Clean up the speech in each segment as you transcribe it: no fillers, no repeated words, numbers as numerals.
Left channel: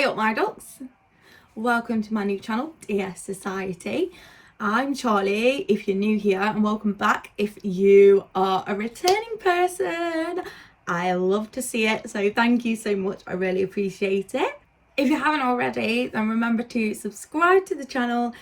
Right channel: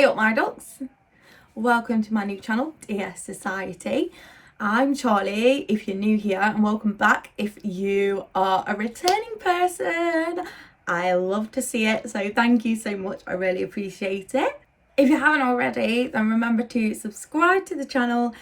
Hi up my ducks, welcome to my new channel, Dear Society. I'm Charlie if you're new here, and welcome back if you are a returning person. I love to see it, so thank you so much, I really appreciate it. If you haven't already, then remember to subscribe to the channel.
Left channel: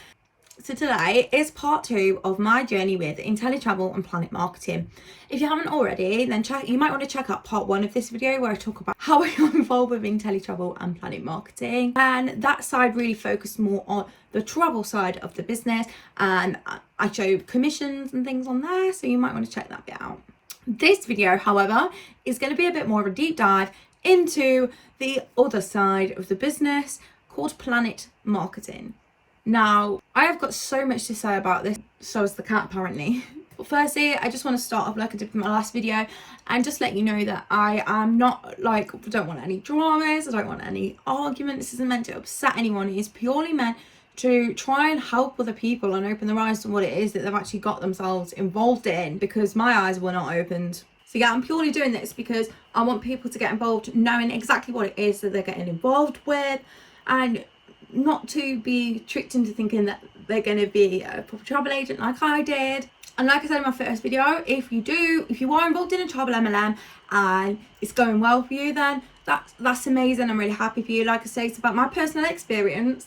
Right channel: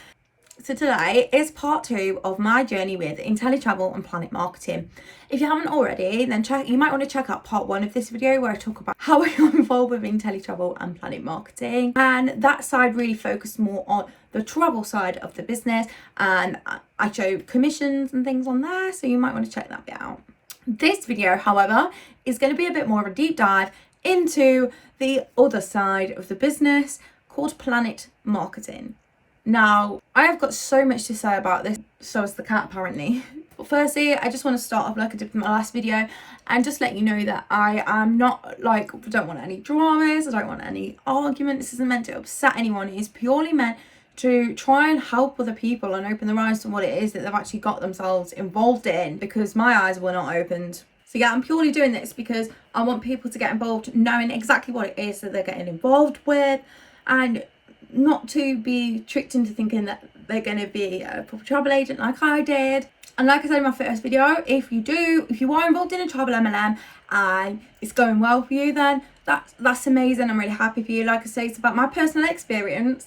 So today is part 2 of my journey with Inteletravel and PlanNet Marketing. If you haven't already, then you might want to check out part 1 of this video where I talk about how I got involved with Inteletravel and PlanNet Marketing. And that side really focused more on the travel side of the business, and I showed commissions and things on there, so you might want to check that bit out. This video, however, is going to be a bit more of a deep dive into the other side of the business called PlanNet Marketing. Now, I have got so much to say about this, so has the cat apparently. But firstly, I just want to start off like I did in my last video and just let you know that I am not like, I don't want any dramas, I don't want any argument. This isn't meant to upset anyone. It is purely meant to try and help other people and open their eyes to what it is that they've actually got themselves involved in, because my eyes were not opened. So yeah, I'm purely doing this because I want people to get involved knowing exactly what it is that they're getting involved with, and not to be tricked into thinking that they're going to be a proper travel agent like I did. And like I said in my first video, if you are involved in a travel MLM and it's going well for you, then that's amazing. I'm really happy for you. Like I say, it's about my personal experience.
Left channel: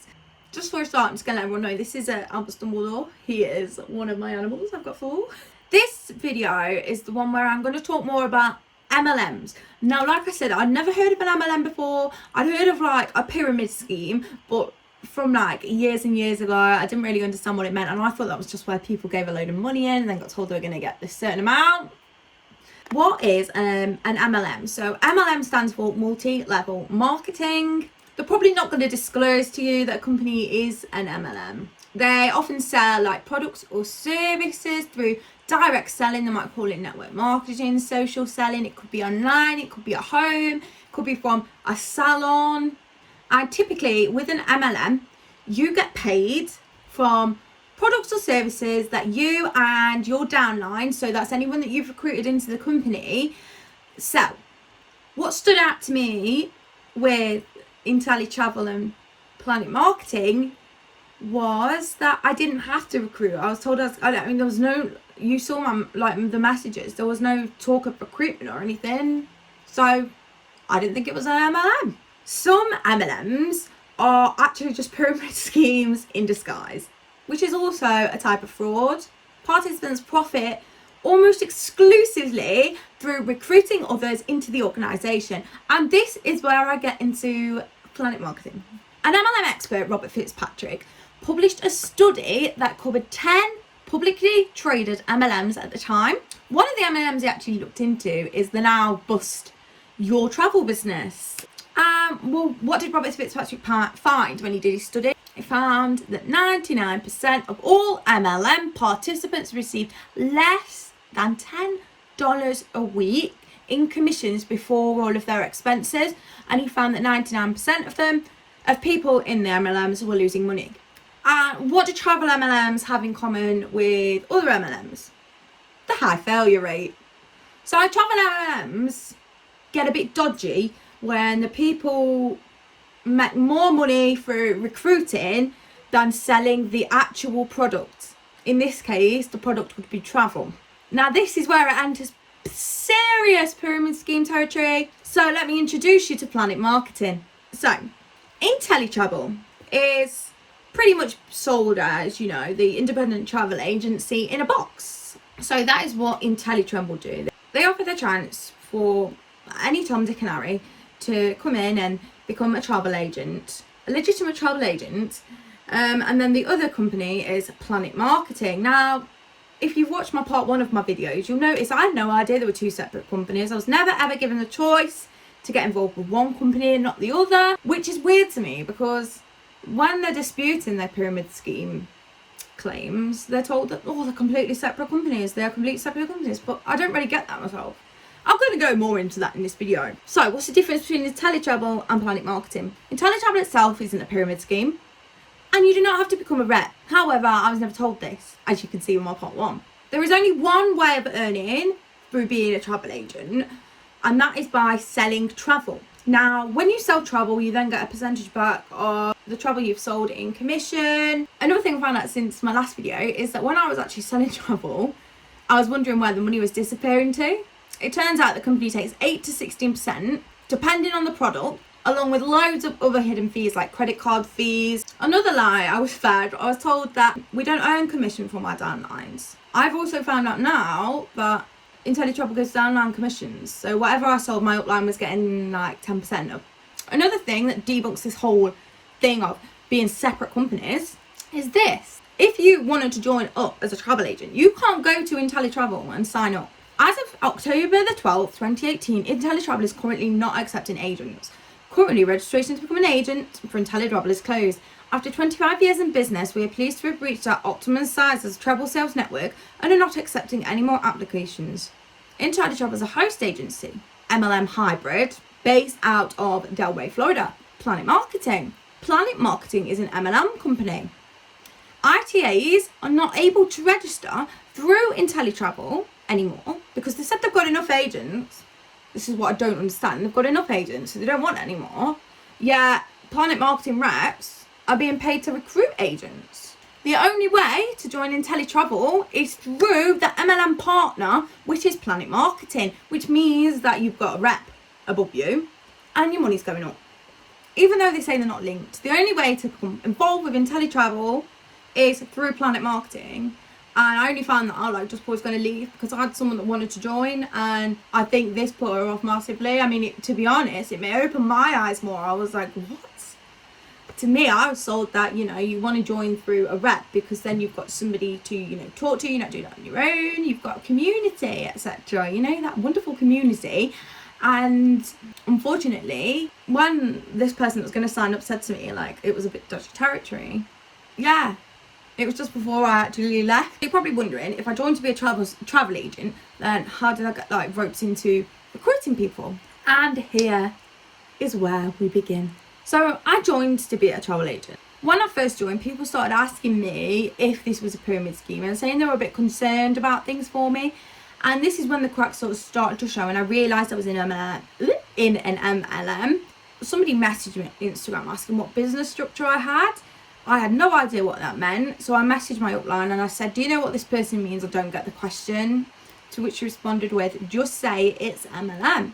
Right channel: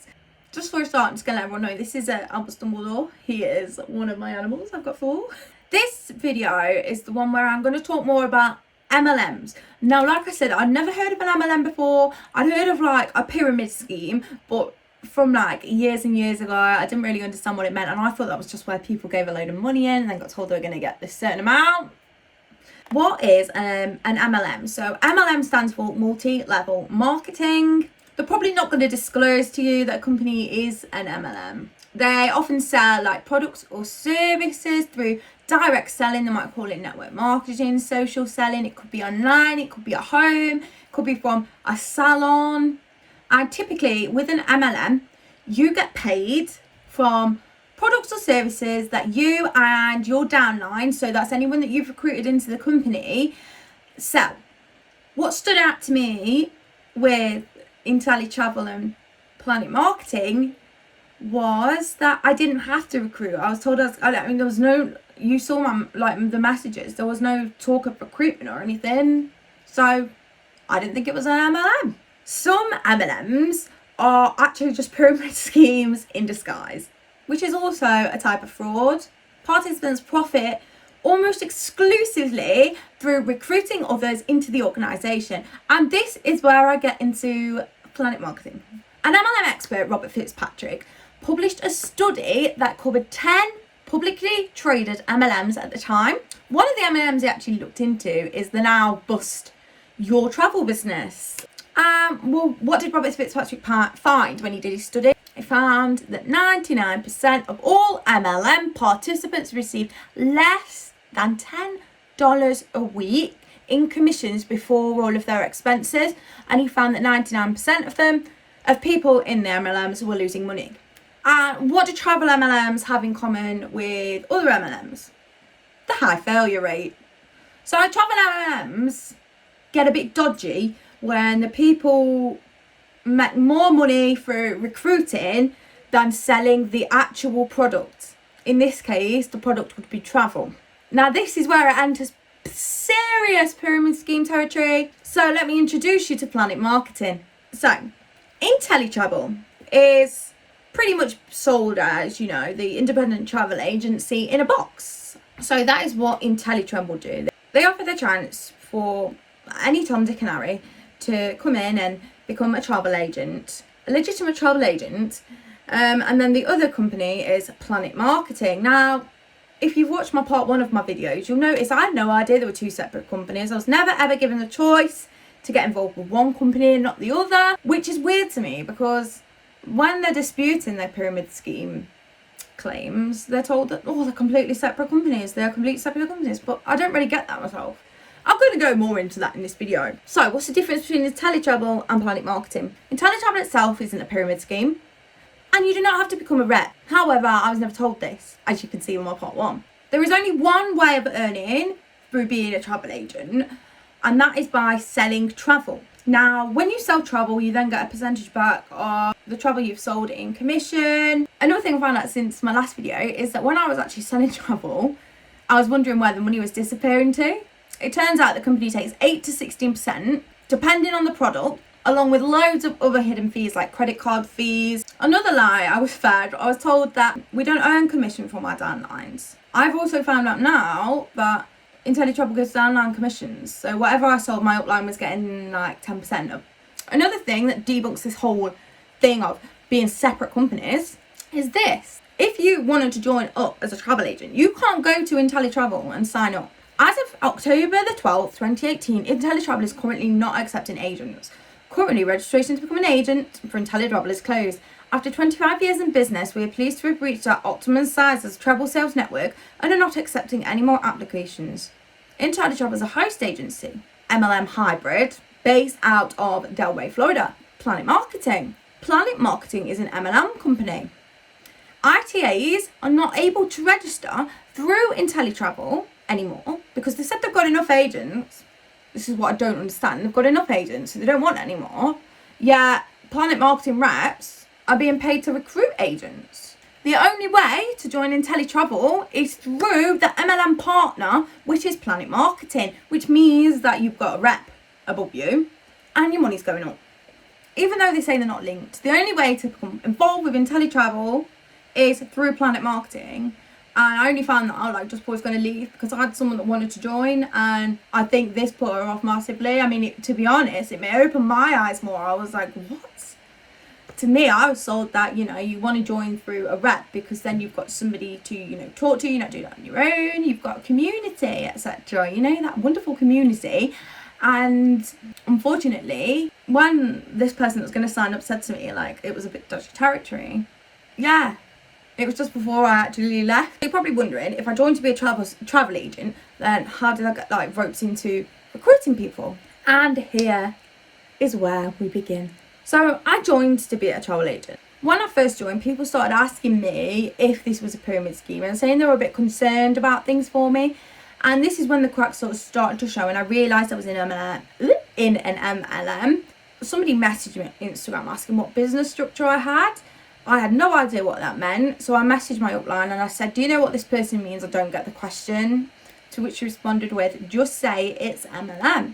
Just for a start, I'm just going to let everyone know this is Albus Dumbledore. He is one of my animals. I've got 4. This video is the one where I'm going to talk more about MLMs. Now, like I said, I'd never heard of an MLM before. I'd heard of like a pyramid scheme, but from like years and years ago, I didn't really understand what it meant, and I thought that was just where people gave a load of money in and then got told they were going to get this certain amount. What is an MLM? So MLM stands for multi-level marketing. They're probably not going to disclose to you that a company is an MLM. They often sell like products or services through direct selling. They might call it network marketing, social selling. It could be online, it could be at home, it could be from a salon. And typically with an MLM, you get paid from products or services that you and your downline, so that's anyone that you've recruited into the company, sell. What stood out to me with Inteletravel and PlanNet Marketing was that I didn't there was no, you saw the messages, there was no talk of recruitment or anything, so I didn't think it was an MLM. Some MLMs are actually just pyramid schemes in disguise, which is also a type of fraud. Participants profit almost exclusively through recruiting others into the organisation, and this is where I get into PlanNet Marketing. An MLM expert, Robert Fitzpatrick, published a study that covered 10 publicly traded MLMs at the time. One of the MLMs he actually looked into is the now bust Your Travel Business. Well, what did Robert Fitzpatrick find when he did his study? He found that 99% of all MLM participants received less than $10 a week in commissions before all of their expenses, and he found that 99% of people in the MLMs were losing money. And what do travel MLMs have in common with other MLMs? The high failure rate. So travel MLMs get a bit dodgy when the people make more money for recruiting than selling the actual product. In this case, the product would be travel. Now, this is where it enters serious pyramid scheme territory. So let me introduce you to PlanNet Marketing. So Inteletravel is pretty much sold as, you know, the independent travel agency in a box. So that is what Inteletravel do. They offer the chance for any Tom, Dick and Harry to come in and become a travel agent, a legitimate travel agent, and then the other company is PlanNet Marketing. Now, if you've watched my part 1 of my videos, you'll notice I had no idea there were 2 separate companies. I was never ever given the choice to get involved with one company and not the other, which is weird to me, because when they're disputing their pyramid scheme claims, they're told that, oh, they're completely separate companies, they're completely separate companies, but I don't really get that myself. I'm going to go more into that in this video. So what's the difference between Inteletravel and PlanNet Marketing? Inteletravel itself isn't a pyramid scheme, and you do not have to become a rep. However, I was never told this, as you can see in my part 1. There is only one way of earning through being a travel agent, and that is by selling travel. Now, when you sell travel, you then get a percentage back of the travel you've sold in commission. Another thing I found out since my last video is that when I was actually selling travel, I was wondering where the money was disappearing to. It turns out the company takes 8 to 16%, depending on the product, along with loads of other hidden fees like credit card fees. Another lie I was fed, I was told that we don't earn commission from our downlines. I've also found out now that Inteletravel gives downline commissions, so whatever I sold, my upline was getting like 10% of. Another thing that debunks this whole thing of being separate companies is this. If you wanted to join up as a travel agent, you can't go to Inteletravel and sign up. As of October the 12th, 2018, Inteletravel is currently not accepting agents. Currently, registration to become an agent for Inteletravel is closed. After 25 years in business, we are pleased to have reached our optimum size as a travel sales network and are not accepting any more applications. Inteletravel is a host agency, MLM hybrid, based out of Delray, Florida. PlanNet Marketing. PlanNet Marketing is an MLM company. ITAs are not able to register through Inteletravel anymore because they said they've got enough agents. This is what I don't understand. They've got enough agents, so they don't want any more. Yeah, PlanNet Marketing reps are being paid to recruit agents. The only way to join Inteletravel is through the MLM partner, which is PlanNet Marketing, which means that you've got a rep above you and your money's going up. Even though they say they're not linked, the only way to become involved with Inteletravel is through PlanNet Marketing. And I only found that out just before I was going to leave because I had someone that wanted to join, and I think this put her off massively. I mean, to be honest, it may open my eyes more. I was like, what? To me, I was sold that, you want to join through a rep because then you've got somebody to, talk to, you're not doing it on your own, you've got a community, etc. That wonderful community. And unfortunately, when this person that was going to sign up said to me, it was a bit dodgy territory. Yeah, it was just before I actually left. You're probably wondering, if I joined to be a travel agent, then how did I get ropes into recruiting people? And here is where we begin. So I joined to be a travel agent. When I first joined, people started asking me if this was a pyramid scheme and saying they were a bit concerned about things for me. And this is when the cracks sort of started to show, and I realised I was in an MLM. Somebody messaged me on Instagram asking what business structure I had. I had no idea what that meant, so I messaged my upline and I said, do you know what this person means? I don't get the question. To which she responded with, just say it's MLM.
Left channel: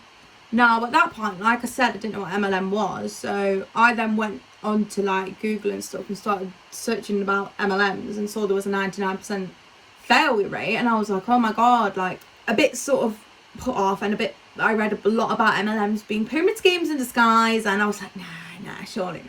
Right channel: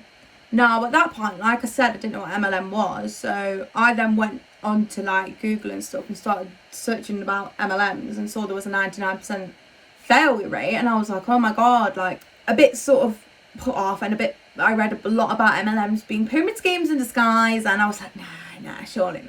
Now, at that point, like I said, I didn't know what MLM was, so I then went on to Google and stuff and started searching about MLMs and saw there was a 99% failure rate, and I was like, oh my god, a bit sort of put off, and I read a lot about MLMs being pyramid schemes in disguise, and I was like, nah, surely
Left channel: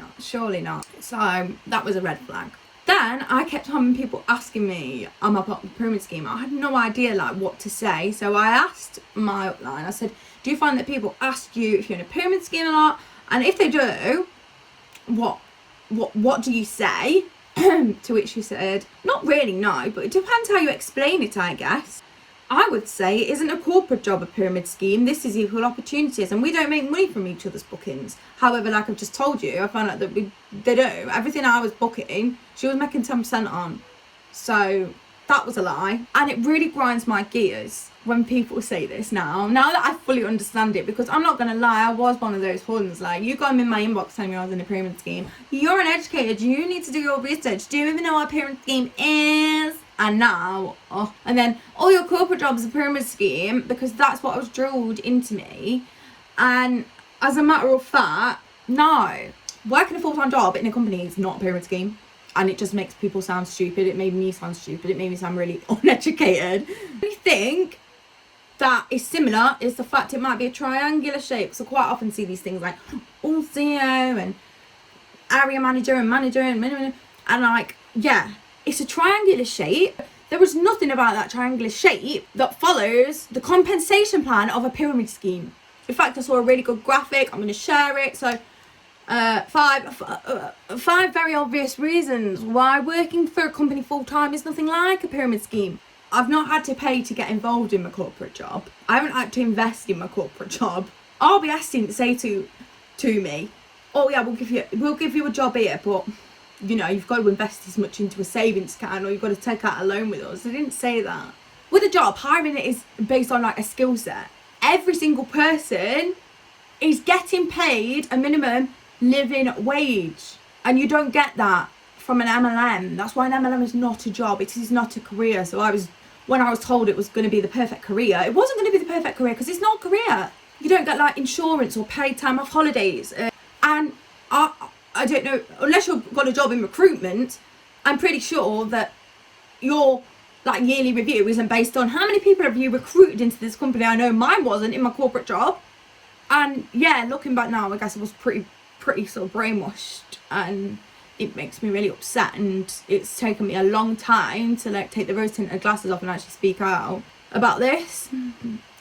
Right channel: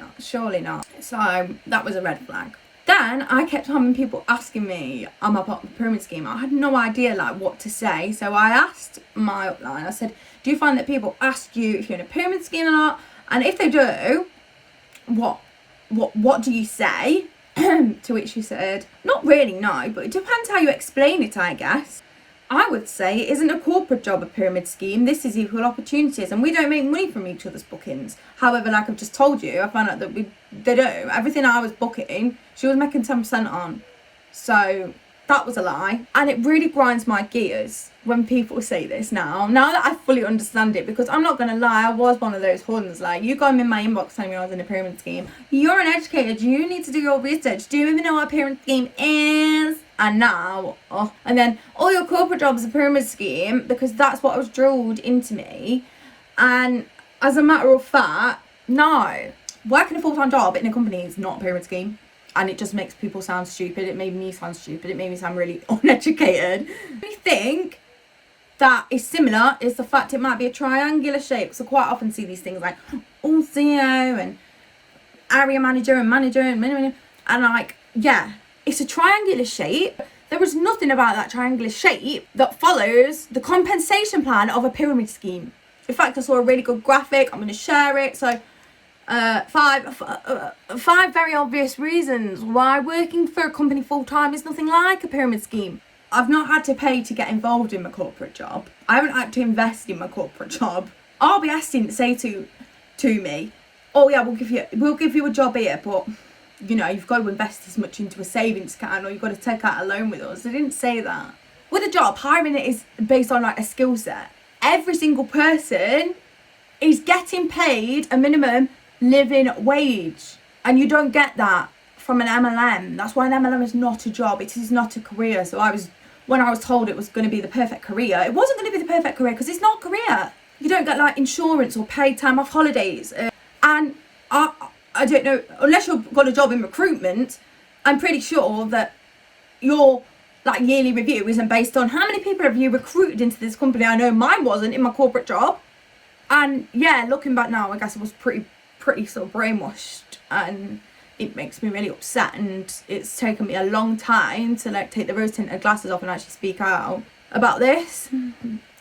not. So that was a red flag. Then I kept having people asking me, am I part of the pyramid scheme? I had no idea what to say, so I asked my upline, I said, do you find that people ask you if you're in a pyramid scheme or not? And if they do, what do you say? To which she said, not really, no, but it depends how you explain it, I guess. I would say it isn't a corporate job, a pyramid scheme. This is equal opportunities, and we don't make money from each other's bookings. However, like I've just told you, I found out that they do. Everything I was booking, she was making 10% on. So that was a lie. And it really grinds my gears when people say this now that I fully understand it, because I'm not going to lie, I was one of those ones. You got them in my inbox telling me I was in a pyramid scheme. You're an educator, you need to do your research. Do you even know what a pyramid scheme is? And now, and then all your corporate jobs are a pyramid scheme, because that's what was drilled into me. And as a matter of fact, no, working a full-time job in a company is not a pyramid scheme. And it just makes people sound stupid. It made me sound stupid. It made me sound really uneducated. We think that is similar is the fact it might be a triangular shape. So quite often see these things all CEO and area manager and yeah, it's a triangular shape. There was nothing about that triangular shape that follows the compensation plan of a pyramid scheme. In fact, I saw a really good graphic. I'm going to share it. So 5 very obvious reasons why working for a company full-time is nothing like a pyramid scheme. I've not had to pay to get involved in my corporate job. I haven't had to invest in my corporate job. RBS didn't say to me, oh yeah, we'll give you a job here, but you've got to invest as much into a savings account, or you've got to take out a loan with us. They didn't say that. With a job, hiring it is based on a skill set. Every single person is getting paid a minimum living wage. And you don't get that from an MLM. That's why an MLM is not a job. It is not a career. So when I was told it was going to be the perfect career, it wasn't going to be the perfect career because it's not a career. You don't get like insurance or paid time off holidays. And I don't know, unless you've got a job in recruitment, I'm pretty sure that your like yearly review isn't based on how many people have you recruited into this company. I know mine wasn't in my corporate job. And yeah, looking back now, I guess I was pretty sort of brainwashed, and it makes me really upset, and it's taken me a long time to like take the rose-tinted glasses off and actually speak out about this.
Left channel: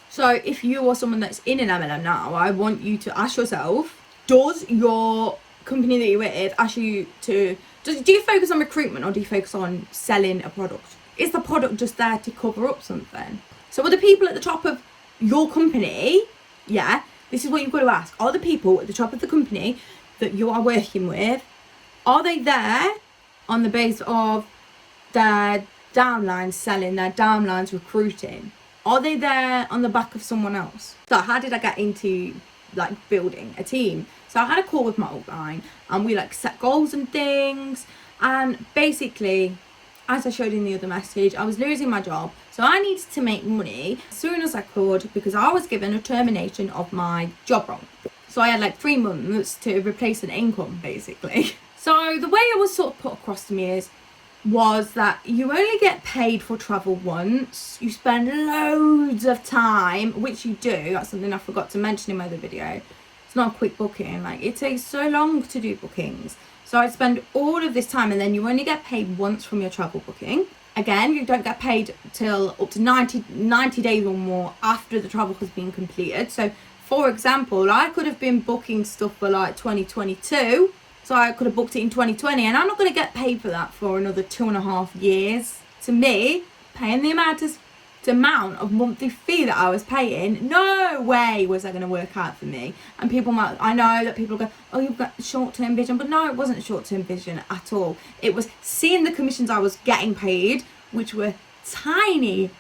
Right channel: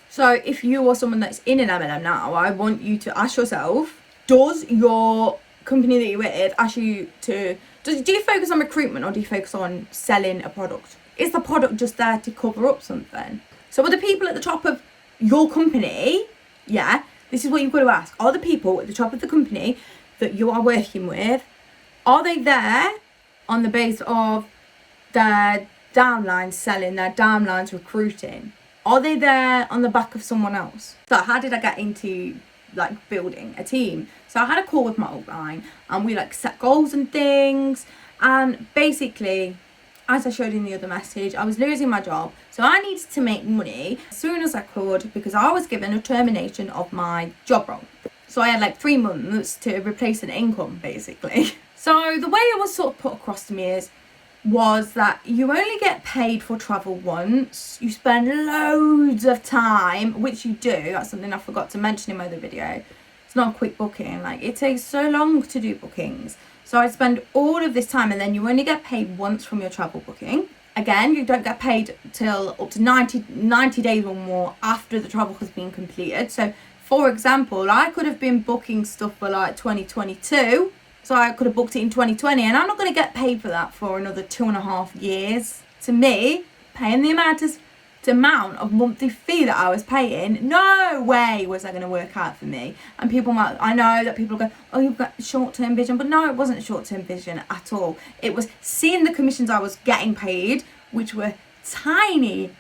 So if you are someone that's in an MLM now, I want you to ask yourself, does your company that you're with ask you to, do you focus on recruitment or do you focus on selling a product? Is the product just there to cover up something? So are the people at the top of your company, yeah, this is what you've got to ask, are the people at the top of the company that you are working with, are they there on the base of their downlines selling, their downlines recruiting? Are they there on the back of someone else? So how did I get into like building a team? So I had a call with my upline and we like set goals and things, and basically, as I showed in the other message, I was losing my job. So I needed to make money as soon as I could because I was given a termination of my job role. So I had like 3 months to replace an income basically. So the way it was sort of put across to me was that you only get paid for travel once. You spend loads of time, which you do. That's something I forgot to mention in my other video. It's not a quick booking. Like, it takes so long to do bookings. So I spend all of this time, and then you only get paid once from your travel booking. Again, you don't get paid till up to 90 days or more after the travel has been completed. So for example, I could have been booking stuff for like 2022. So I could have booked it in 2020, and I'm not going to get paid for that for another 2.5 years. To me, paying the amount of monthly fee that I was paying, no way was that going to work out for me. And I know that people go, oh, you've got short-term vision, but no, it wasn't short-term vision at all. It was seeing the commissions I was getting paid, which were tiny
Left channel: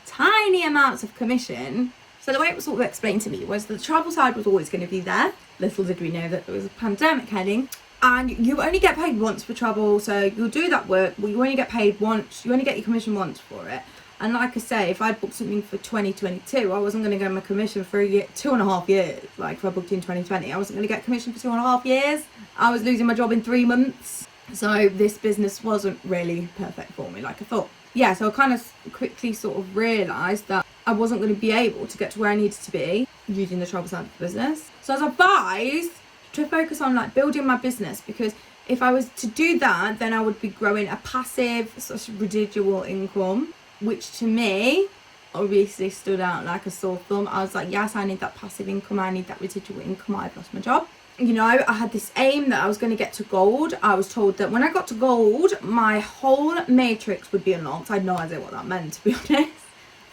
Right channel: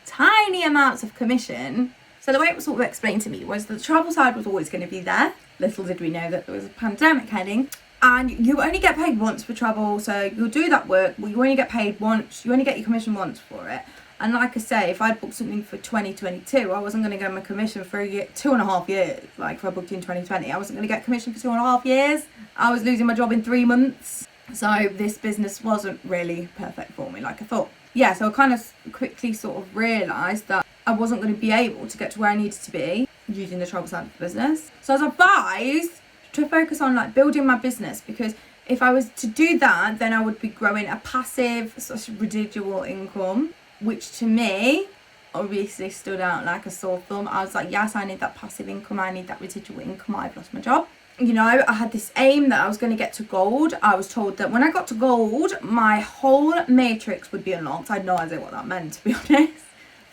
amounts of commission. So the way it was sort of explained to me was that the travel side was always going to be there. Little did we know that there was a pandemic heading. And you only get paid once for travel, so you'll do that work, but you only get paid once, you only get your commission once for it. And like I say, if I booked something for 2022, I wasn't going to get my commission for 2.5 years. Like if I booked in 2020, I wasn't going to get commission for 2.5 years. I was losing my job in 3 months. So this business wasn't really perfect for me like I thought. Yeah, so I kind of quickly sort of realised that I wasn't going to be able to get to where I needed to be using the travel side of the business. So I was advised to focus on like building my business, because if I was to do that, then I would be growing a passive sort of residual income, which to me obviously stood out like a sore thumb. I was like, yes, I need that passive income, I need that residual income, I've lost my job. You know, I had this aim that I was going to get to gold. I was told that when I got to gold, my whole matrix would be unlocked. I had no idea what that meant, to be honest,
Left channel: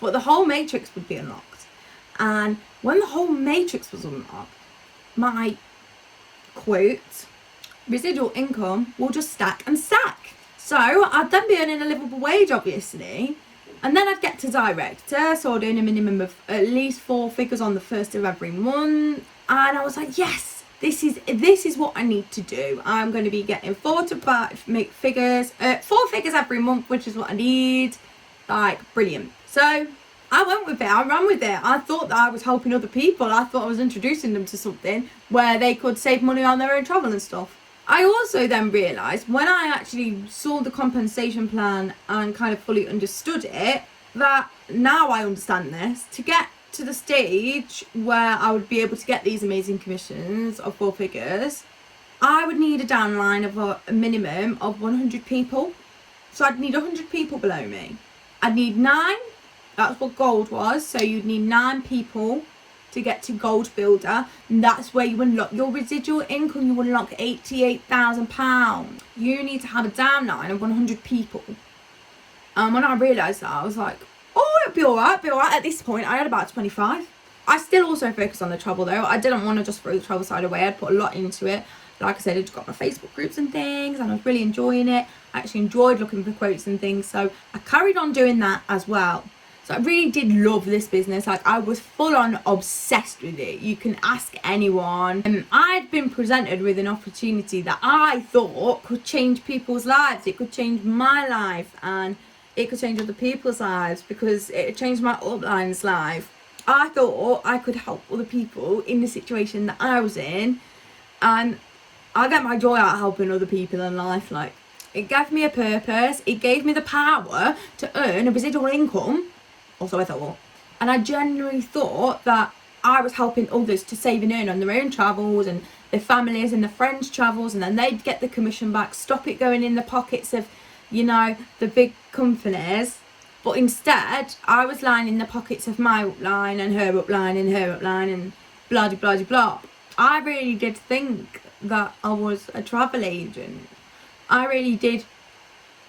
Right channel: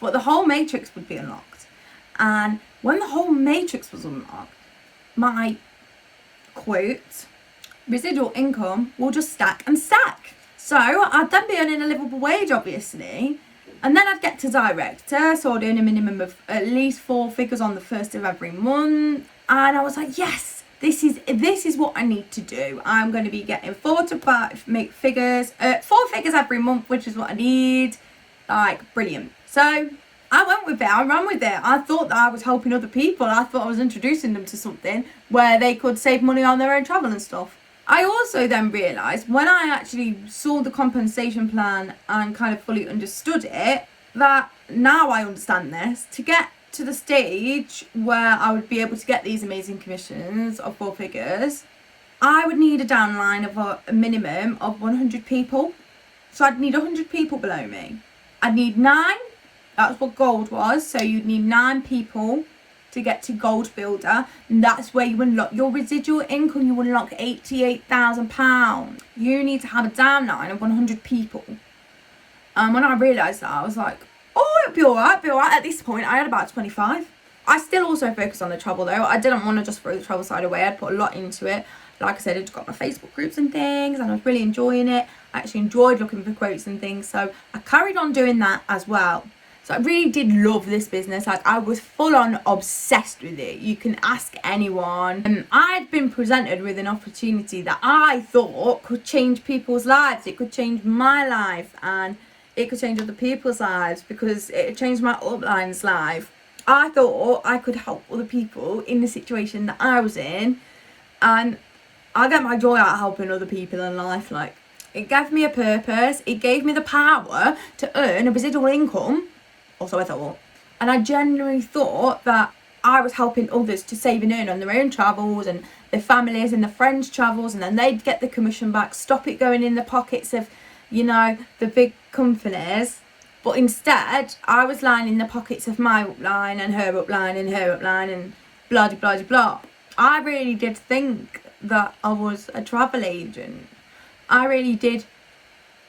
but the whole matrix would be unlocked. And when the whole matrix was unlocked, my quote residual income will just stack and stack. So I'd then be earning a livable wage, obviously, and then I'd get to director, so I'd earn a minimum of at least 4 figures on the 1st of every month. And I was like, yes, this is what I need to do. I'm going to be getting 4 to 5 figures, 4 figures every month, which is what I need. Like, brilliant. So I went with it, I ran with it. I thought that I was helping other people. I thought I was introducing them to something where they could save money on their own travel and stuff. I also then realised when I actually saw the compensation plan and kind of fully understood it, that now I understand this, to get to the stage where I would be able to get these amazing commissions of 4 figures, I would need a downline of a minimum of 100 people. So I'd need 100 people below me. I'd need 9. That's what gold was. So you'd need 9 people to get to gold builder. And that's where you unlock your residual income. You unlock £88,000. You need to have a downline of 100 people. And when I realised that, I was like, oh, it'll be alright, At this point, I had about 25. I still also focus on the travel though. I didn't want to just throw the travel side away. I'd put a lot into it. Like I said, I'd got my Facebook groups and things, and I was really enjoying it. I actually enjoyed looking for quotes and things. So I carried on doing that as well. So I really did love this business. Like, I was full on obsessed with it. You can ask anyone. And I'd been presented with an opportunity that I thought could change people's lives. It could change my life, and it could change other people's lives, because it changed my upline's life. I thought I could help other people in the situation that I was in, and I get my joy out of helping other people in life. Like, it gave me a purpose. It gave me the power to earn a residual income. Also, I thought, and I genuinely thought that I was helping others to save and earn on their own travels and their families and their friends' travels, and then they'd get the commission back, stop it going in the pockets of, you know, the big companies. But instead, I was lining the pockets of my upline and her upline and her upline and blah blah blah blah. I really did think that I was a travel agent. I really did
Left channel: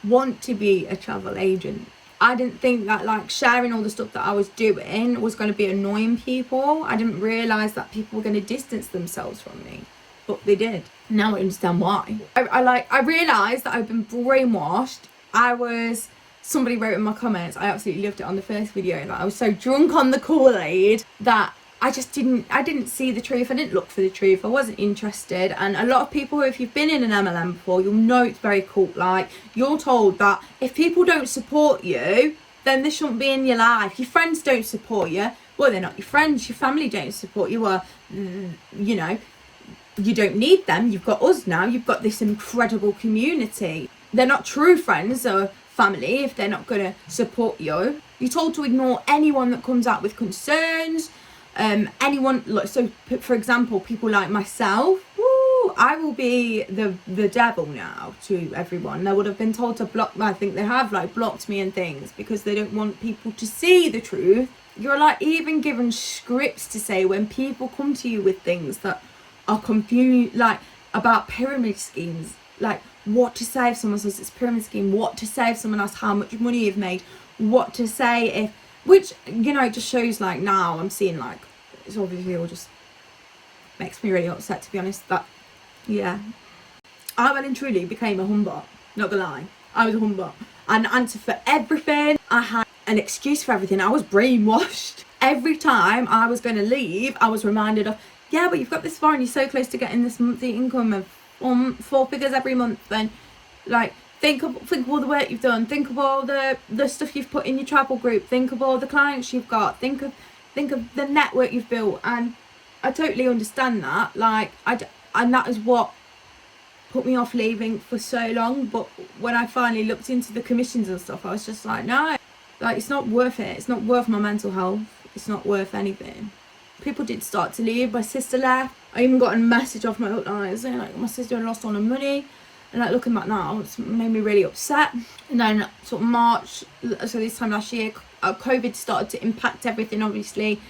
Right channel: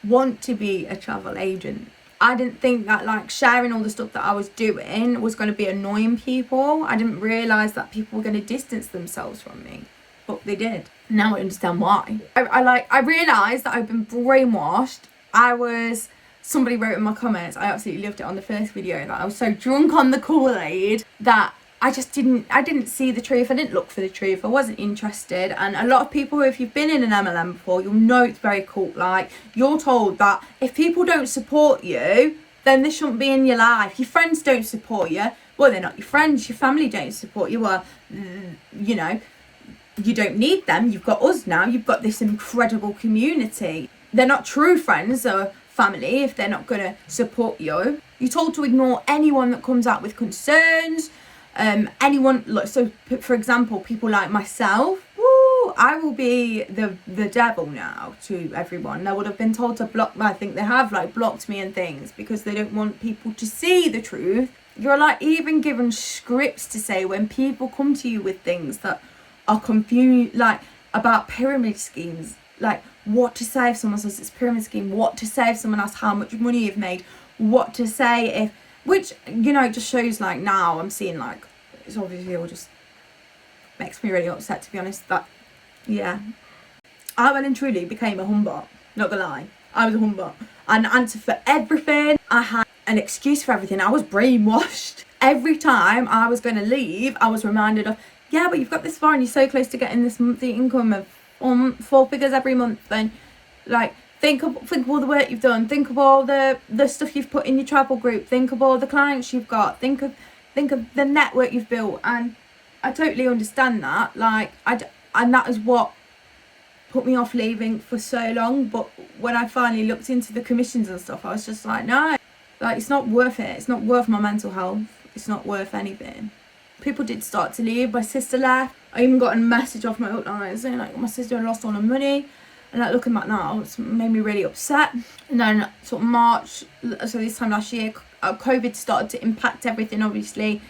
want to be a travel agent. I didn't think that, like, sharing all the stuff that I was doing was going to be annoying people. I didn't realise that people were going to distance themselves from me, but they did. Now I understand why. I realised that I've been brainwashed. Somebody wrote in my comments, I absolutely loved it on the first video, that I was so drunk on the Kool-Aid that I didn't see the truth. I didn't look for the truth. I wasn't interested. And a lot of people, if you've been in an MLM before, you'll know it's very cult-like. You're told that if people don't support you, then they shouldn't be in your life. Your friends don't support you, well, they're not your friends. Your family don't support you, well, you know, you don't need them. You've got us now. You've got this incredible community. They're not true friends or family if they're not going to support you. You're told to ignore anyone that comes out with concerns. Anyone, like, so for example, people like myself, I will be the devil now to everyone. They would have been told to block, I think they have, like, blocked me and things, because they don't want people to see the truth. You're, like, even given scripts to say when people come to you with things that are confused, like, about pyramid schemes, like what to say if someone says it's a pyramid scheme, what to say if someone asks how much money you've made, what to say if, which, you know, it just shows, like, now I'm seeing, like, it's obviously all just makes me really upset, to be honest, that, yeah, I well and truly became a humbug, not gonna lie. I was a humbug. I had an answer for everything. I had an excuse for everything. I was brainwashed. Every time I was going to leave, I was reminded of, yeah, but you've got this far and you're so close to getting this monthly income of 4 figures every month. Then, like, think of all the work you've done. Think of all the stuff you've put in your travel group. Think of all the clients you've got. Think of the network you've built. And I totally understand that. Like, and that is what put me off leaving for so long. But when I finally looked into the commissions and stuff, I was just like, no, like, it's not worth it. It's not worth my mental health. It's not worth anything. People did start to leave. My sister left. I even got a message off my upline saying, like, my sister lost all her money. And, like, looking back now, it's made me really upset. And then sort of March, so this time last year, COVID started to impact everything, obviously.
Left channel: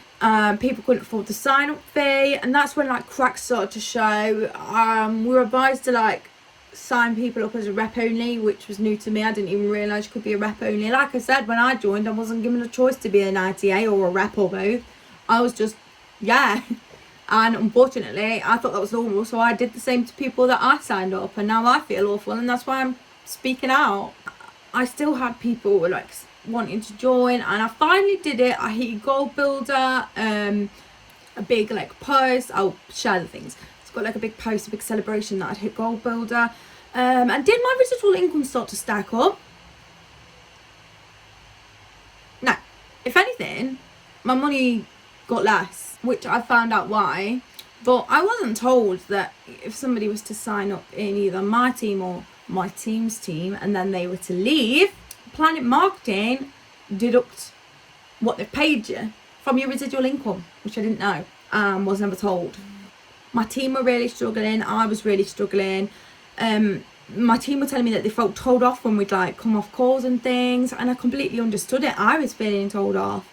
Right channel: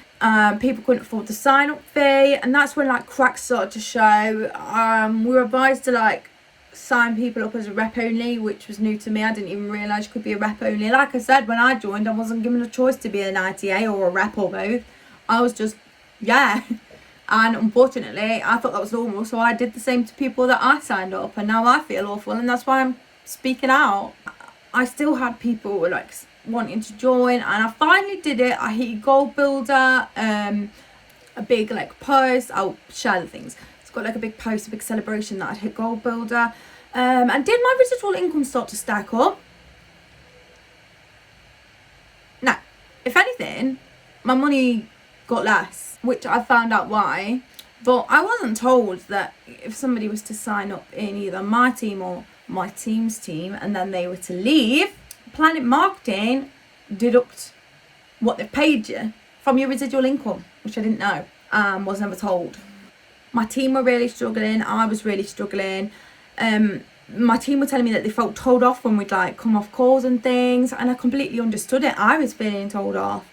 People couldn't afford the sign-up fee, and that's when, like, cracks started to show. We were advised to, like, sign people up as a rep only, which was new to me. I didn't even realise you could be a rep only. Like I said, when I joined, I wasn't given a choice to be an ITA or a rep or both. I was just, yeah. And unfortunately, I thought that was normal, so I did the same to people that I signed up, and now I feel awful, and that's why I'm speaking out. I still had people, like, wanting to join, and I finally did it. I hit Gold Builder, a big, like, post. I'll share the things. It's got, like, a big post, a big celebration that I'd hit Gold Builder, and did my residual income start to stack up? No. If anything, my money got less, which I found out why, but I wasn't told that if somebody was to sign up in either my team or my team's team and then they were to leave, PlanNet Marketing deduct what they've paid you from your residual income, which I didn't know, was never told. My team were really struggling. I was really struggling. My team were telling me that they felt told off when we'd, like, come off calls and things, and I completely understood it. I was feeling told off,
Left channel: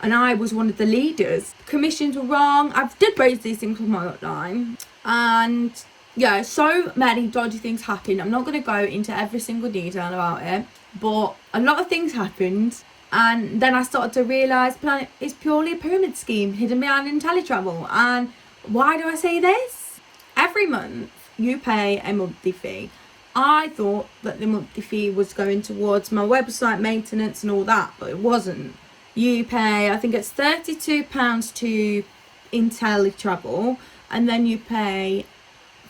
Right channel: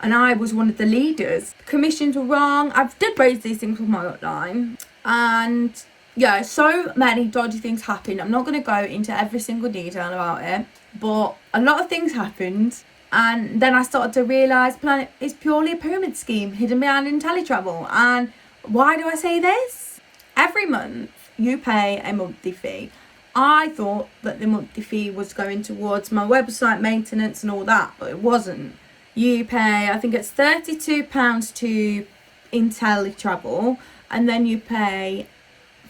and I was one of the leaders. Commissions were wrong. I did raise these things with my upline, and yeah, so many dodgy things happened. I'm not going to go into every single detail about it, but a lot of things happened, and then I started to realise PlanNet is purely a pyramid scheme hidden behind Inteletravel. And why do I say this? Every month you pay a monthly fee. I thought that the monthly fee was going towards my website maintenance and all that, but it wasn't. you pay, I think it's £32 to Inteletravel, and then you pay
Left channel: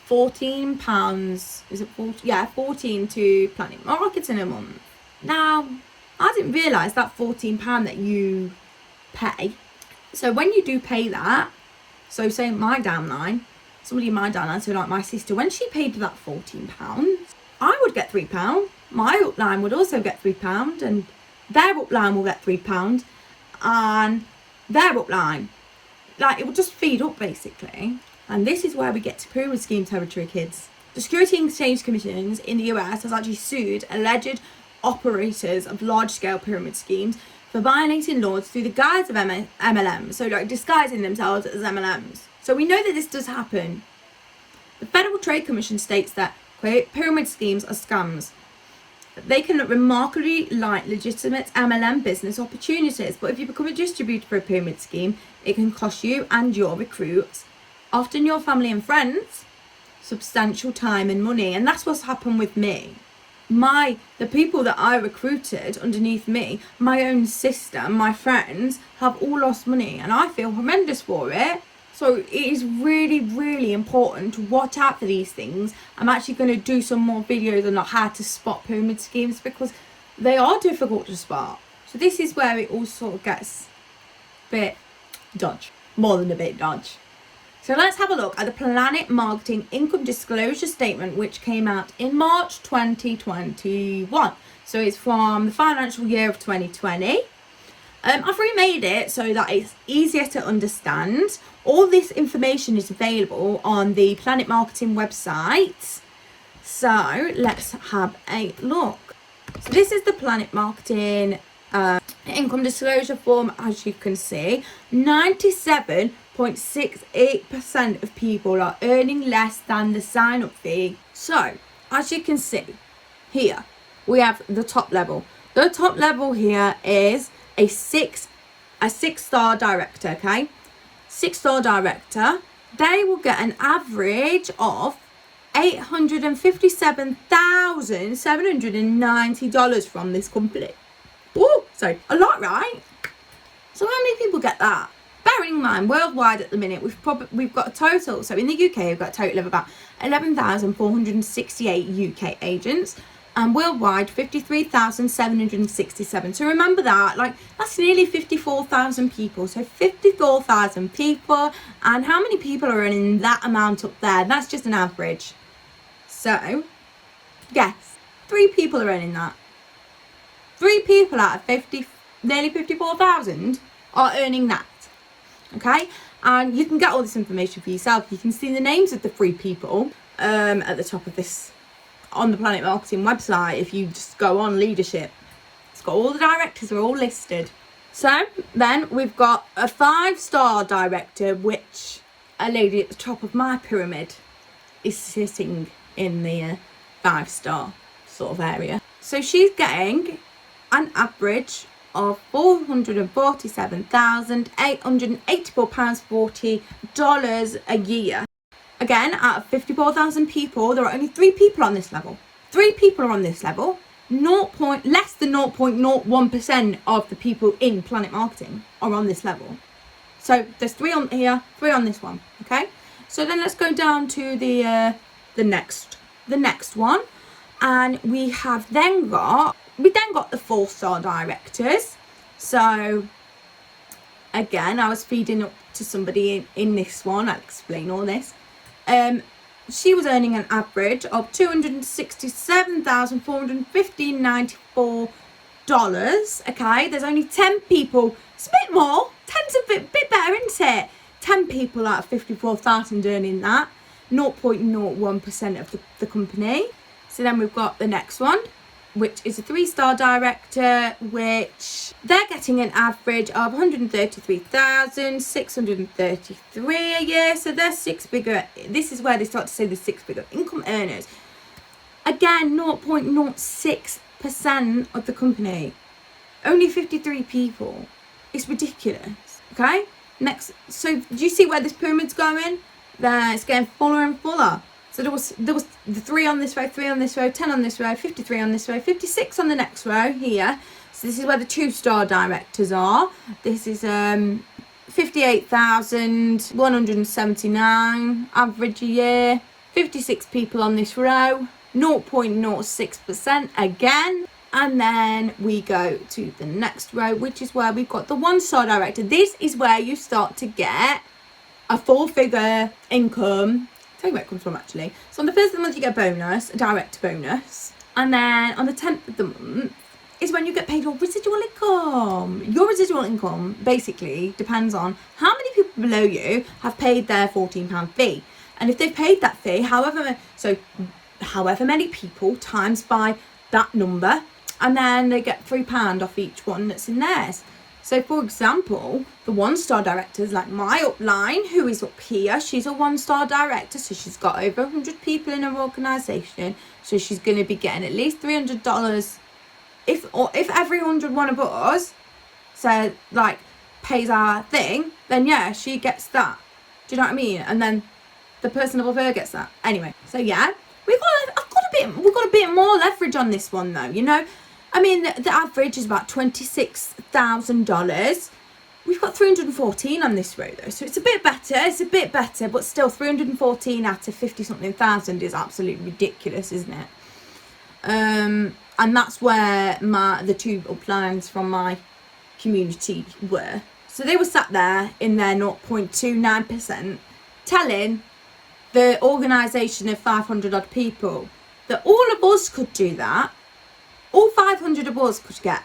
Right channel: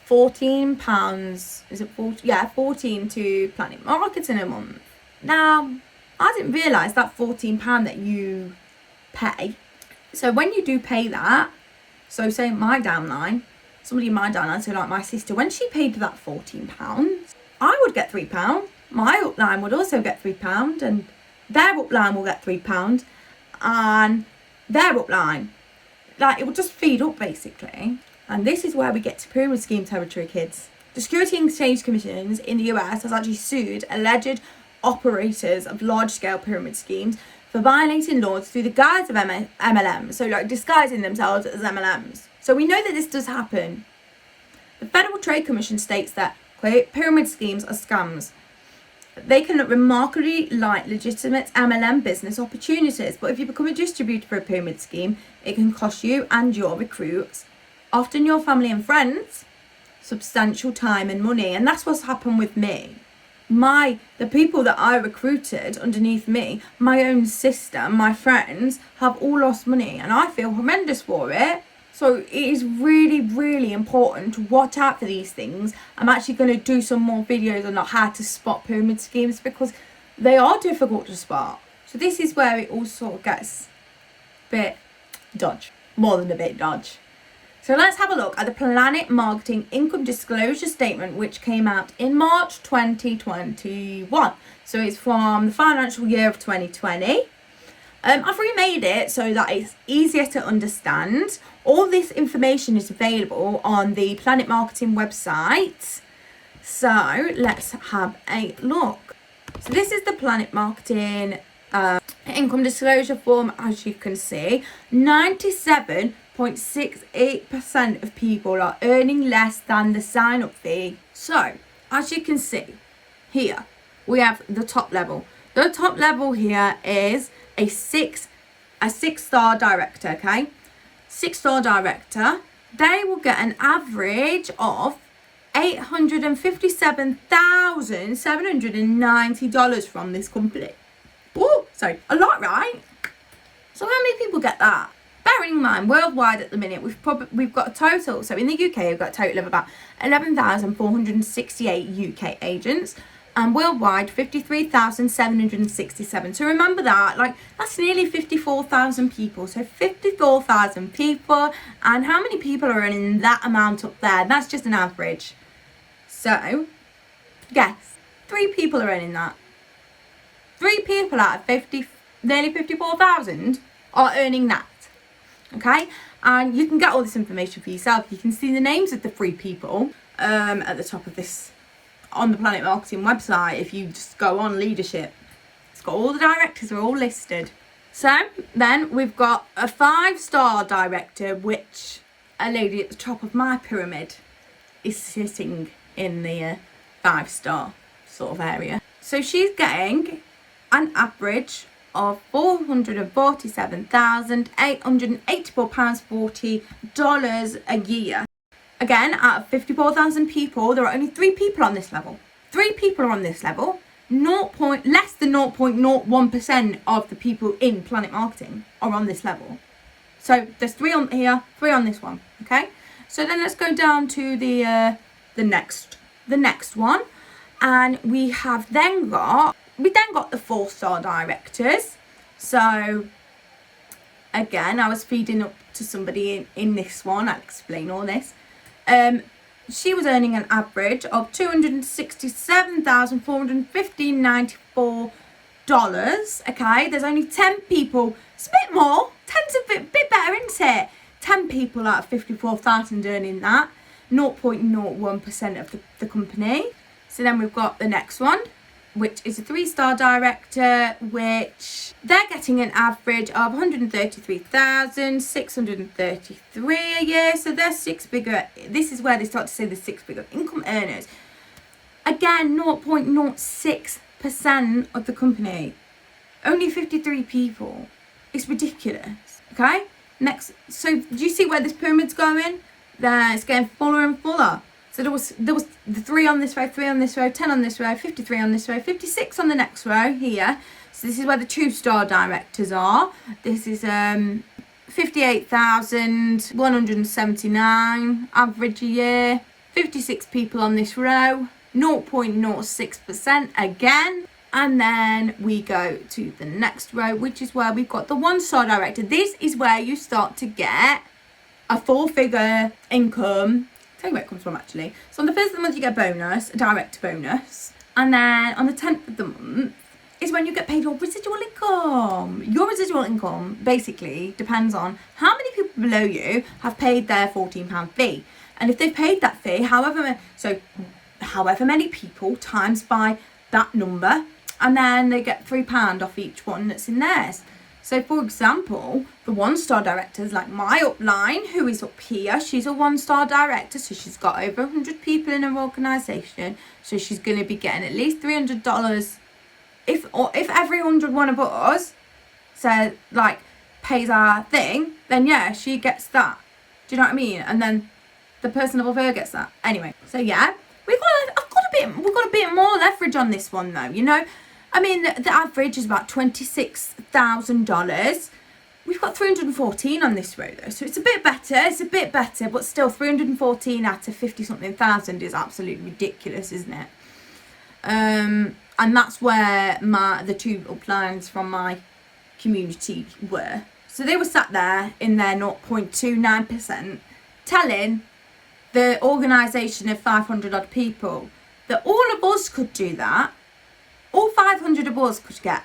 £14, is it 14? Yeah, 14 to PlanNet Marketing a month. Now, I didn't realise that £14 that you pay. So when you do pay that, so say my downline, somebody in my downline, so like my sister, when she paid that £14, I would get £3. My upline would also get £3, and their upline will get £3, and their upline. Like, it will just feed up basically. And this is where we get to pyramid scheme territory, kids. The Security and Exchange Commission in the US has actually sued alleged operators of large-scale pyramid schemes for violating laws through the guise of MLM, so like disguising themselves as MLMs. So we know that this does happen. The Federal Trade Commission states that, quote, pyramid schemes are scams. They can look remarkably like legitimate MLM business opportunities, but if you become a distributor for a pyramid scheme, it can cost you and your recruits, often your family and friends, substantial time and money. And that's what's happened with me. The people that I recruited underneath me, my own sister, my friends, have all lost money, and I feel horrendous for it. So it is really, really important to watch out for these things. I'm actually going to do some more videos on how to spot pyramid schemes, because they are difficult to spot. So this is where it all sort of gets a bit dodge, more than a bit dodge. So let's have a look at the PlanNet Marketing Income Disclosure Statement, which came out in March 2021. So it's from the financial year of 2020. I've remade it so that it's easier to understand. All this information is available on the PlanNet Marketing website. So let's have a look. So this is the PlanNet Marketing income disclosure form. As you can see, 97.68% of people are earning less than the sign-up fee. So as you can see here, we have the top level. The top level here is a six-star director, okay? 6-star director, they will get an average of $857,790 from this company. Oh, sorry, a lot, right? So how many people get that? Bearing in mind, worldwide at the minute, we've got a total, so in the UK, we've got a total of about 11,468 UK agents, and worldwide 53,767. So remember that, like, that's nearly 54,000 people. So 54,000 people, and how many people are earning that amount up there? That's just an average. So guess 3 people are earning that. 3 people out of nearly 54,000 are earning that. Okay, and you can get all this information for yourself. You can see the names of the 3 people at the top of this on the PlanNet Marketing website. If you just go on leadership, it's got all the directors are all listed. So then we've got a 5-star director, which a lady at the top of my pyramid is sitting in the 5-star sort of area. So she's getting an average of £447,884.40 a year. Again, out of 54,000 people, there are only 3 people on this level. 3 people are on this level. Less than 0.01% of the people in PlanNet Marketing are on this level. So there's 3 on here, 3 on this one. Okay. So then let's go down to the next one, and we then got the 4-star directors. So again, I was feeding up to somebody in this one. I'll explain all this. She was earning an average of $267,415.94. Okay, there's only 10 people. It's a bit more. 10's a bit better, isn't it? 10 people out of 54,000 earning that. 0.01% of the company. So then we've got the next one, which is a 3-star director, which they're getting an average of $133,633 a year. So they're 6-figure. This is where they start to say the 6-figure income earners. Again, 0.06% of the company. Only 53 people. It's ridiculous. Okay. Next. So do you see where this pyramid's going? It's getting fuller and fuller. So there was the 3 on this row, 3 on this row, 10 on this row, 53 on this row, 56 on the next row here. So So this is where the 2-star directors are. This is 58,179 average a year. 56 people on this row. 0.06% again. And then we go to the next row, which is where we've got the 1-star director. This is where you start to get a 4-figure income. I'll tell you where it comes from actually. So on the first of the month you get a bonus, a direct bonus. And then on the 10th of the month is when you get paid your residual income. Your residual income basically depends on how many people below you have paid their £14 fee. And if they've paid that fee, however many people times by that number, and then they get £3 off each one that's in theirs. So for example, the 1-star directors, like my upline, who is up here, she's a 1-star director, so she's got over 100 people in her organisation, so she's going to be getting at least $300. If every 101 of us said like pays our thing, then yeah, she gets that. Do you know what I mean? And then the person above her gets that. Anyway, so yeah, we've got a bit more leverage on this one though. You know, I mean the average is about $26,000. We've got 314 on this row though, so it's a bit better. It's a bit better, but still 314 out of 50-something thousand is absolutely ridiculous, isn't it? And that's where the 2 uplines from my community were. So they were sat there in their 0.29%, telling the organisation of 500 odd people that all of us could do that. All 500 of us could get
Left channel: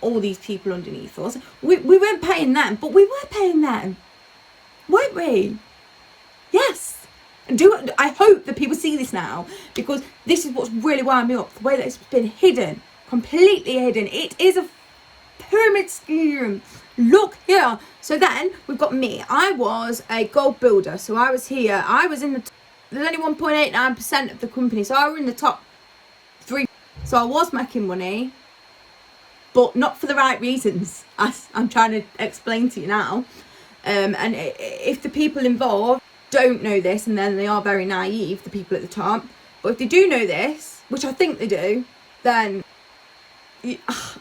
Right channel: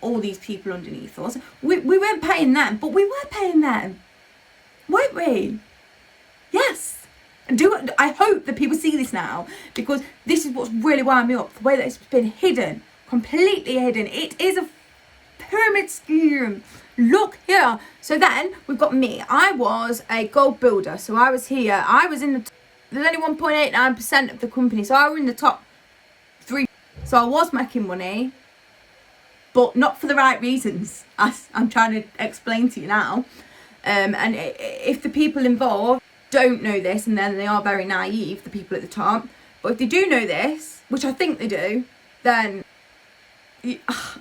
all these people underneath us. We weren't paying them, but we were paying them, weren't we? Yes. I hope that people see this now, because this is what's really wound me up, the way that it's been hidden, completely hidden. It is a pyramid scheme. Look here. So then we've got me. I was a gold builder, so I was here. I was in there's only 1.89% of the company, so I was in the top 3. So I was making money, but not for the right reasons, as I'm trying to explain to you now. And if the people involved don't know this, and then they are very naive, the people at the top, but if they do know this, which I think they do, then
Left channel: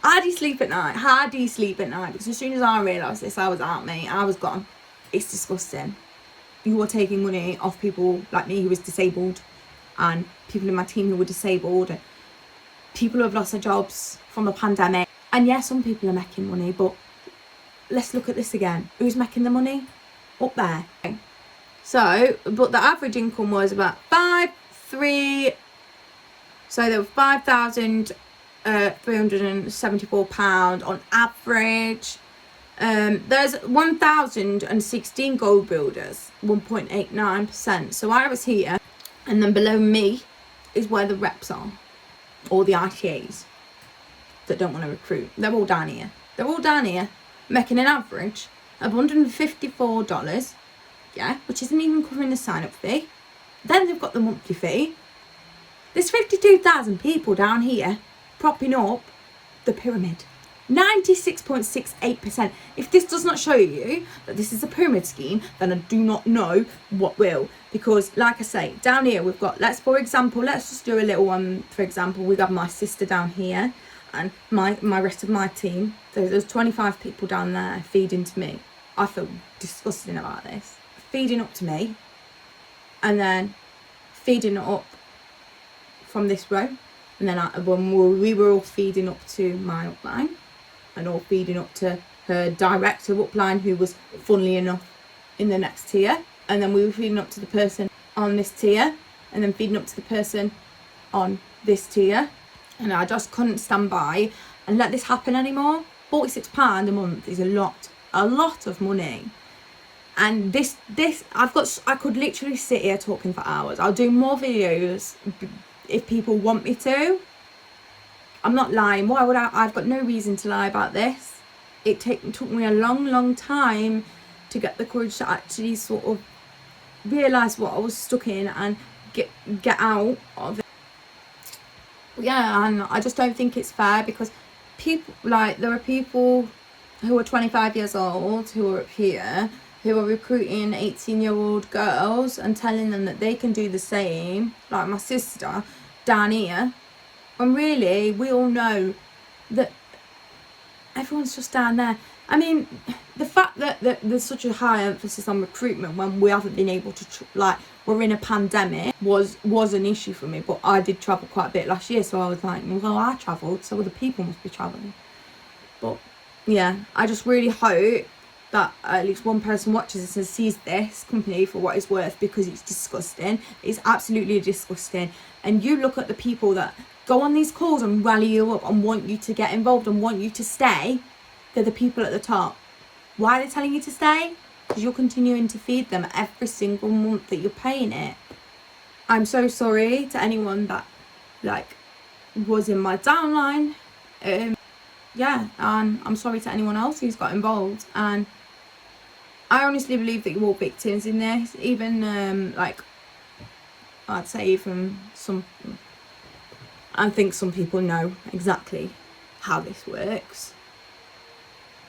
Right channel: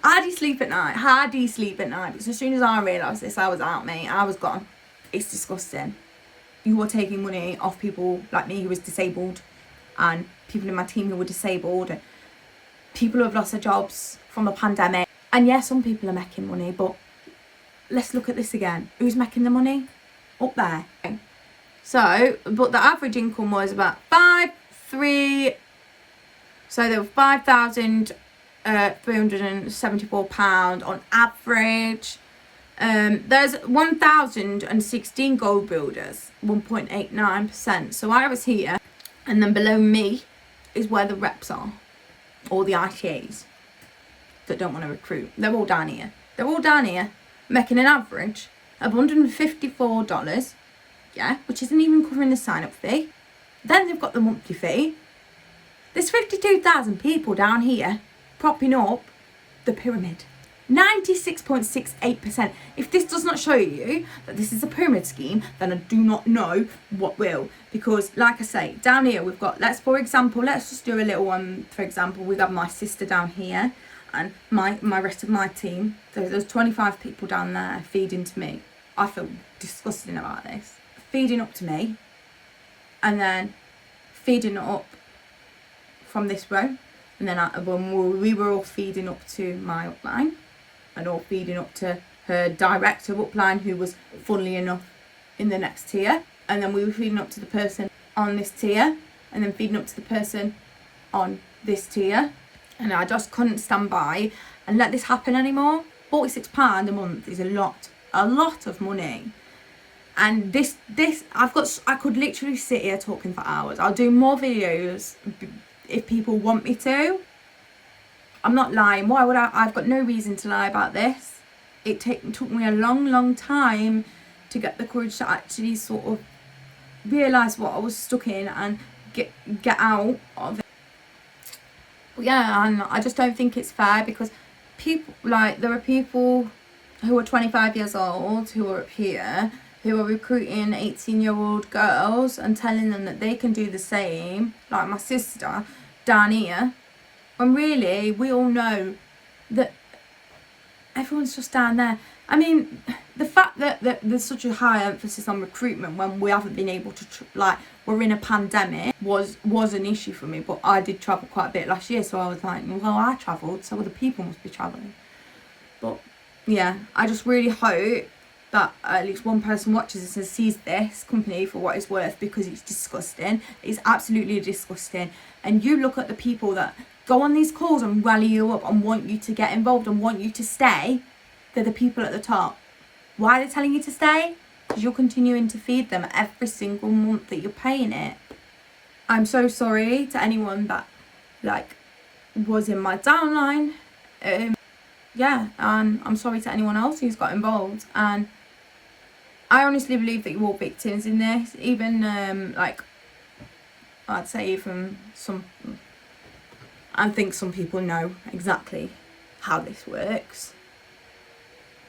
how do you sleep at night? How do you sleep at night? Because as soon as I realised this, I was out, mate. I was gone. It's disgusting. You are taking money off people like me who was disabled, and people in my team who were disabled, and people who have lost their jobs from the pandemic. And yeah, some people are making money, but let's look at this again. Who's making the money? Up there. So, but the average income was about £5,374 on average. There's 1,016 gold builders, 1.89%. So I was here, and then below me is where the reps are, or the ITAs that don't want to recruit. They're all down here. They're all down here, making an average of $154. Yeah, which isn't even covering the sign-up fee. Then they've got the monthly fee. There's 52,000 people down here propping up the pyramid. 96.68%. If this does not show you that this is a pyramid scheme, then I do not know what will. Because like I say, down here we've got, let's just do a little one. For example, we got my sister down here, and my rest of my team. There's 25 people down there feeding to me. I feel disgusting about this. Feeding up to me, and then feeding it up from this row, and then when we were all feeding up to my upline, and all feeding up to her director upline, who was funnily enough in the next tier, and then we were feeding up to the person on this tier, and then feeding up to the person on this tier, and I just couldn't stand by and let this happen anymore. £46 a month is a lot of money. And this I could literally sit here talking for hours. I'll do more videos if people want me to. I'm not lying. Why would I've got no reason to lie about this. It took me a long time to get the courage to actually sort of realise what I was stuck in and get out of it. But yeah, and I just don't think it's fair, because people, like, there are people who are 25 years old who are up here who are recruiting 18-year-old girls and telling them that they can do the same, like my sister down here. And really, we all know that everyone's just down there. I mean, the fact that there's such a high emphasis on recruitment when we haven't been able to like, we're in a pandemic, was an issue for me. But I did travel quite a bit last year, so I was like, well, I travelled, so other people must be travelling. But yeah, I just really hope that at least one person watches this and sees this company for what it's worth, because it's disgusting. It's absolutely disgusting. And you look at the people that go on these calls and rally you up and want you to get involved and want you to stay. They're the people at the top. Why are they telling you to stay? Because you're continuing to feed them every single month that you're paying it. I'm so sorry to anyone that like was in my downline. Yeah, and I'm sorry to anyone else who's got involved. And I honestly believe that you're all victims in this. Even like, I'd say even some, I think some people know exactly how this works.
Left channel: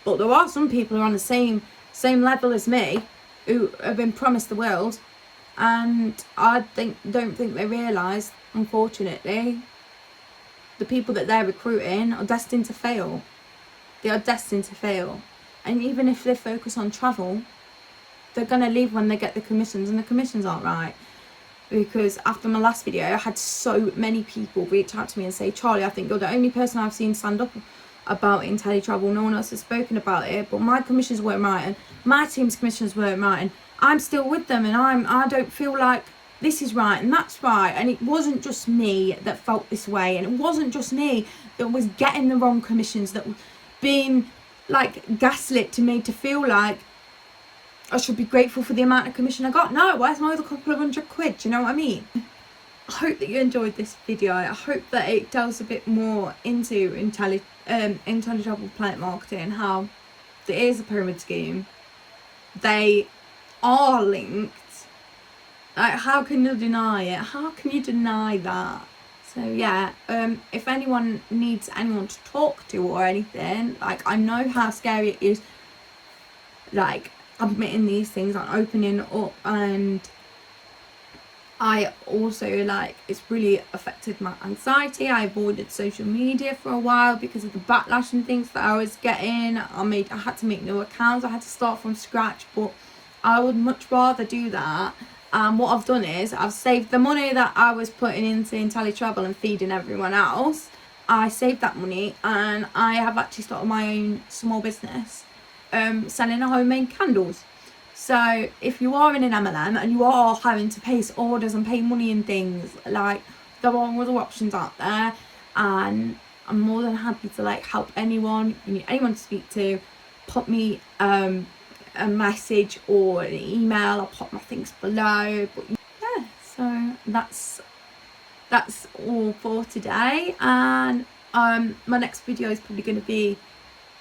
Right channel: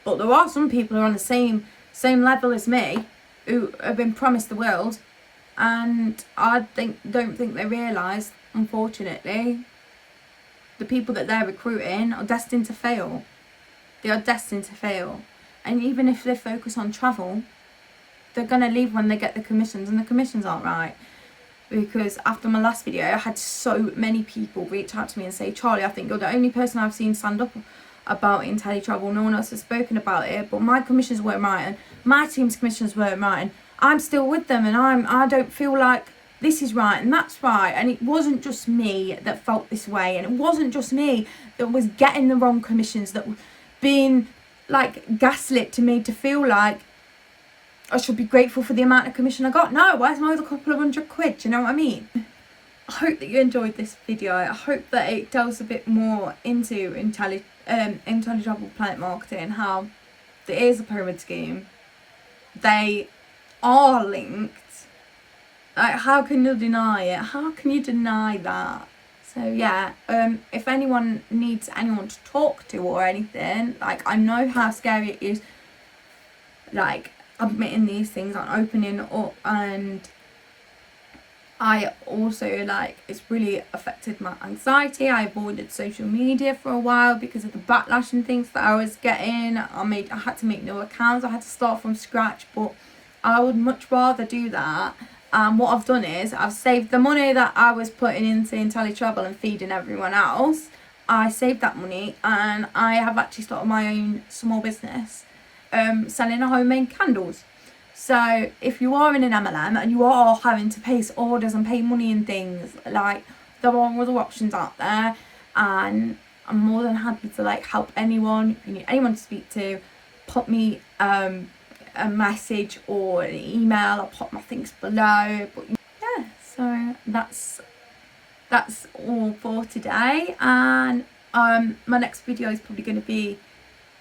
But there are some people who are on the same level as me, who have been promised the world, and I don't think they realise, unfortunately, the people that they're recruiting are destined to fail. They are destined to fail. And even if they focus on travel, they're going to leave when they get the commissions, and the commissions aren't right. Because after my last video, I had so many people reach out to me and say, Charlie, I think you're the only person I've seen stand up about Inteletravel. No one else has spoken about it, but my commissions weren't right, and my team's commissions weren't right, and I'm still with them, and I don't feel like this is right and that's right. And it wasn't just me that felt this way, and it wasn't just me that was getting the wrong commissions, that were being like gaslit to me to feel like I should be grateful for the amount of commission I got. No, where's my other couple of £100? Do you know what I mean? I hope that you enjoyed this video. I hope that it delves a bit more into Inteletravel Plannet marketing, how there is a pyramid scheme. They are linked. Like, how can you deny it? How can you deny that? So yeah, if anyone needs anyone to talk to or anything, like, I know how scary it is, like, admitting these things and opening up, and I also, like, it's really affected my anxiety. I avoided social media for a while because of the backlash and things that I was getting. I had to make new accounts. I had to start from scratch, but I would much rather do that. And what I've done is I've saved the money that I was putting into Inteletravel and feeding everyone else. I saved that money, and I have actually started my own small business, selling homemade candles. So if you are in an MLM and you are having to place orders and pay money and things, like, there are other options out there, and I'm more than happy to, like, help anyone. If you need anyone to speak to, pop me a message or an email. I'll pop my things below. But yeah, so that's all for today. And my next video is probably going to be,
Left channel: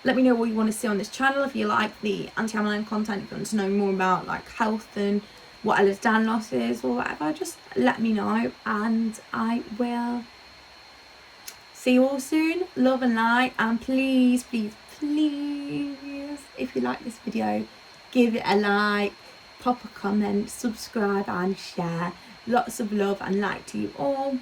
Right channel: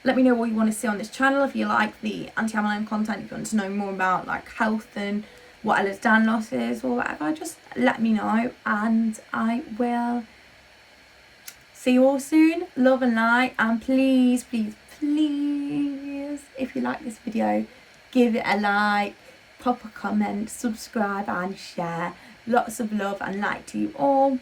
let me know what you want to see on this channel. If you like the anti-Mlm content, if you want to know more about, like, health and what Ehlers-Danlos loss is or whatever, just let me know, and I will see you all soon. Love and light, and please, please, please, if you like this video, give it a like, pop a comment, subscribe and share. Lots of love and light to you all.